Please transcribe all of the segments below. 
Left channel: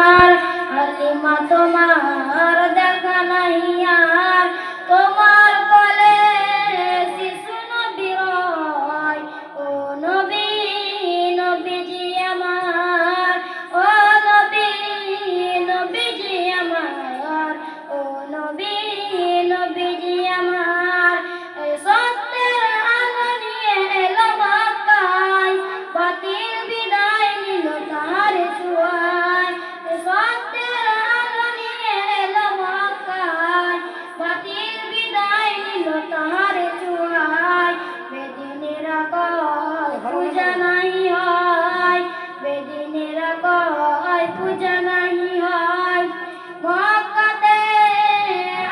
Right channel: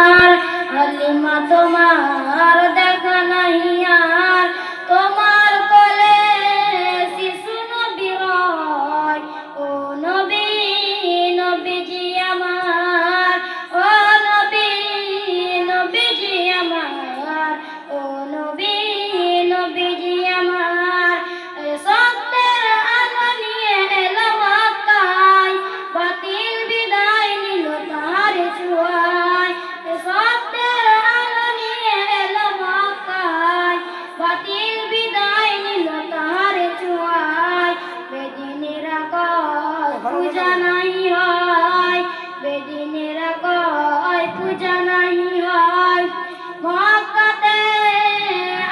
হালিমা তোমার দেখা নাই আর, তোমার কোলে শিশু নবী রয়। ও নবী নবীজি আমার, ও নবী নবীজি আমার, ও নবী নবীজি আমার। সত্যের আলো নিয়ে এলো মক্কায়, বাতিল বিদায় নিল তার ছোঁয়ায়। সত্যের আলো নিয়ে এলো মক্কায়, বাতিল বিদায় নিল তার ছোঁয়ায়। বেদিনেরা কয় পূজা নাই হয়, বেদিনেরা কয় পূজা নাই হয়। মক্কাতে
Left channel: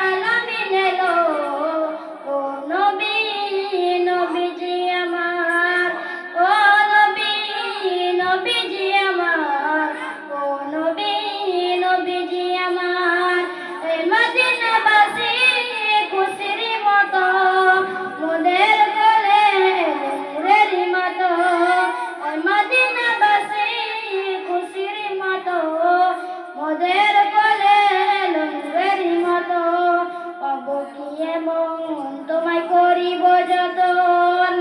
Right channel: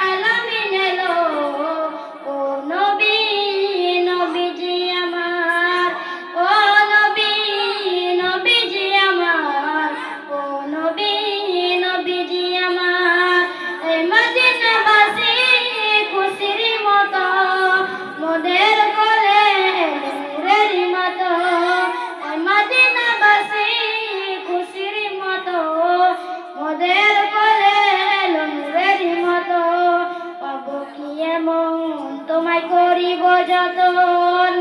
আলামিন এলো, ও নবী নবীজি আমার, ও নবী নবীজি আমার, ও নবী নবীজি আমার। এই মদিনাবাসী খুশির মতো মোদের কোলে এলো নূরের মতো। এই মদিনাবাসী খুশির মতো মোদের কোলে এলো নূরের মতো। পাব কি এমন তোমায় করিব যতন,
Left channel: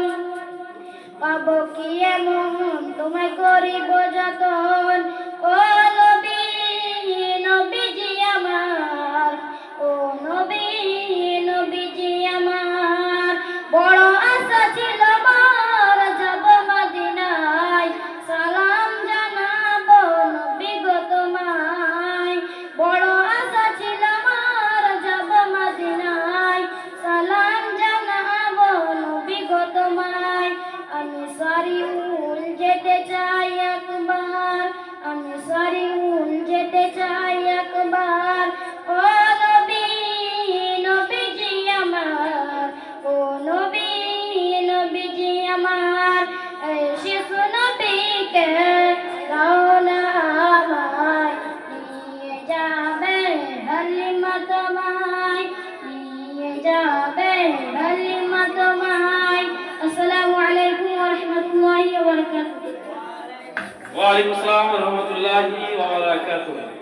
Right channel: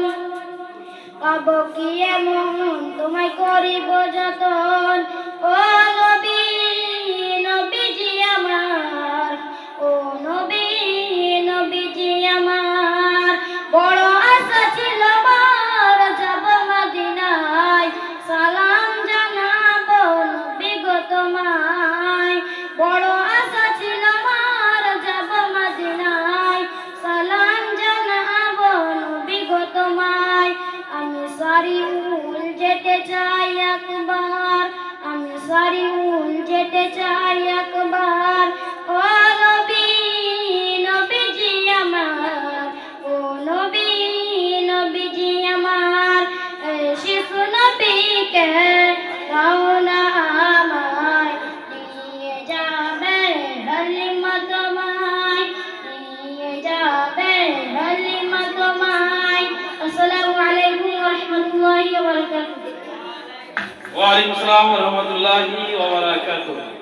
পাব কি এমন তোমায় করিব যতন। ও নবী নবীজি আমার, ও নবী নবীজি আমার। বড় আশা ছিল আমার যাব মদিনায়, সালাম জানাবো নবী গো তোমায়। বড় আশা ছিল আমার যাব মদিনায়, সালাম জানাবো নবী গো তোমায়। আমি সারিউল যেতে চাই একবার, আমি সারিউল যেতে চাই একবার। ও নবী নবীজি আমার, ও নবী নবীজি আমার। এই শিশু নবীকে রওনা আমায় নিয়ে যাবে হালিমা তোমায়, নিয়ে যাবে হালিমা তোমায়। আসসালামু আলাইকুম ওয়া রাহমাতুল্লাহি ওয়া বারাকাতুহু। ওয়া আলাইকুম আসসালাম ওয়া রাহমাতুল্লাহি ওয়া বারাকাতুহু।